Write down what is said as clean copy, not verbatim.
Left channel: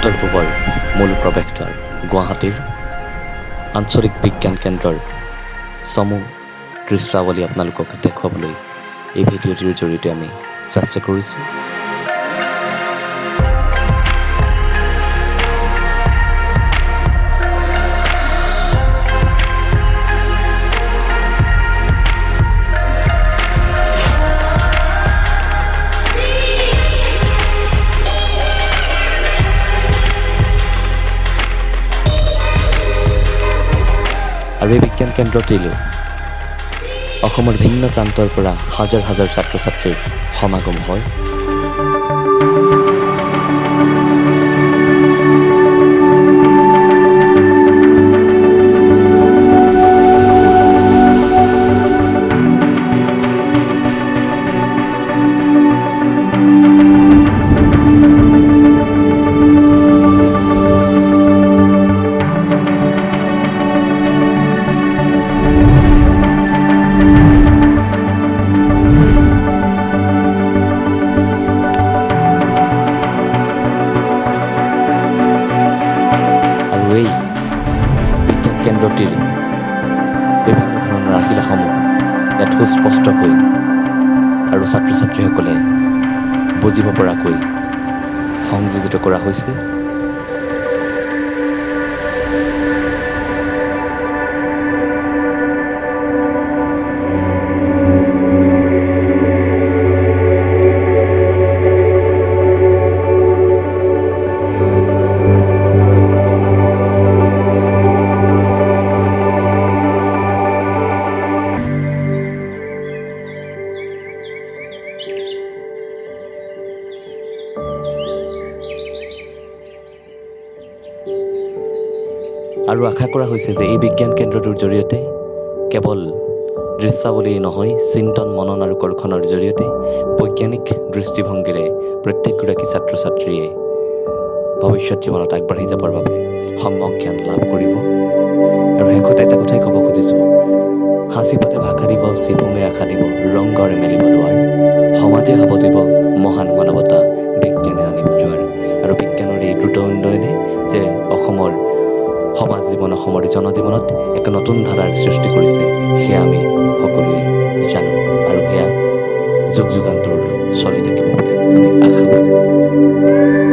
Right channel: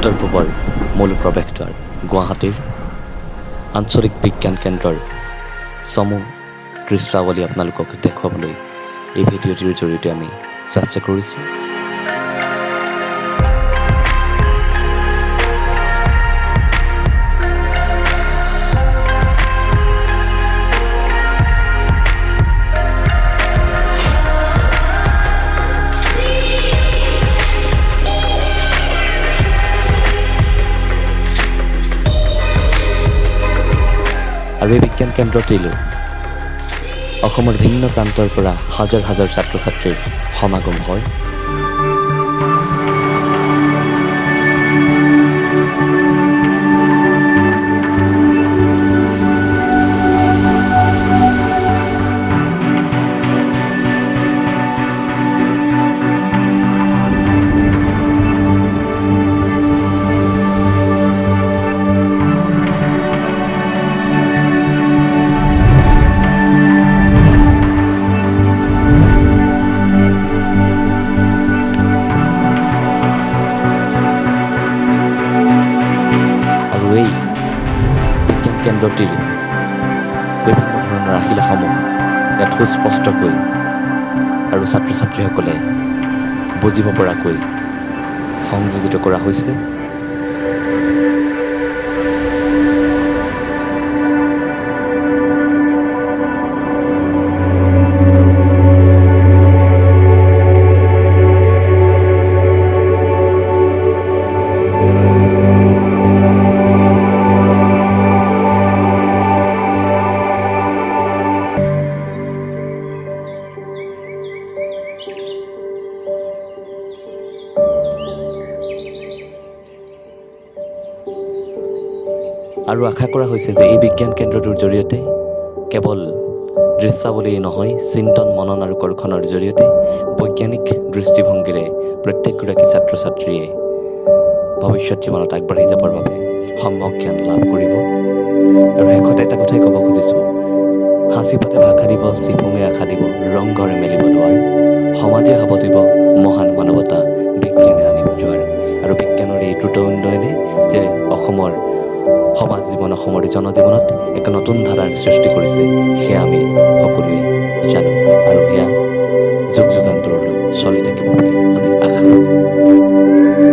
উত্তৰ পূবৰ মূল প্ৰৱেশদ্বাৰ গুৱাহাটীৰ আঞ্চলিক বিজ্ঞান কেন্দ্ৰৰ চমু দৃশ্যাৱলী আপোনালোকক দেখুৱাবলৈ এই ভিডিঅ'টিৰ জৰিয়তে আমি চেষ্টা কৰিছোঁ। আৰু এই বিজ্ঞান কেন্দ্ৰটিলৈ অসমৰ ভিন্ন প্ৰান্তৰ পৰা হাজাৰ হাজাৰ ছাত্ৰ ছাত্ৰীৰ সমাগম হয়। আৰু এই বিজ্ঞান কেন্দ্ৰটিৰ বিভিন্ন ধৰণৰ আহিলাসমূহ ইয়াত সুস্পষ্টকৈ আৰু ছাত্ৰ ছাত্ৰীসকলে বুজিব পৰাকৈ সংযোজিত কৰা হৈছে। আৰু আশা কৰা হৈছে যে এই বিজ্ঞান কেন্দ্ৰটোৰ জৰিয়তে কেৱল দৃশ্যাৱলী নহয়, চিন্তন মনন আৰু কৰ্ষণৰ জৰিয়তে বৈজ্ঞানিক দৃষ্টিভংগীৰে প্ৰত্যেকগৰাকী ছাত্ৰ ছাত্ৰীয়ে ভৱিষ্যত জীৱনত আগবাঢ়ি যাবৰ বাবে সম্যক জ্ঞান লাভ কৰিব। আৰু শেষতে এটা কথাই ক'ব খুজিছোঁ, সাঁচিপাতে ভাষা দিব, চিফুঙে আশা দিব, ৰংঘৰে মেলিব দুৱাৰ, সমাজে সাৱটিব, মহান মানৱতা বিজ্ঞানে আনিব জোৱাৰ। আৰু বিজ্ঞানৰ এই দ্ৰুত উন্নয়নে যে অসমৰ সমাজ জীৱন, অসমৰ জনজীৱনত এক নতুন ধাৰাৰ সৃষ্টি কৰিছে সেয়া আমি সকলোৱে জানো, আৰু সেয়া যুগ যুগান্তৰলৈ চলি থাকিব বুলি আমি আশাবাদী।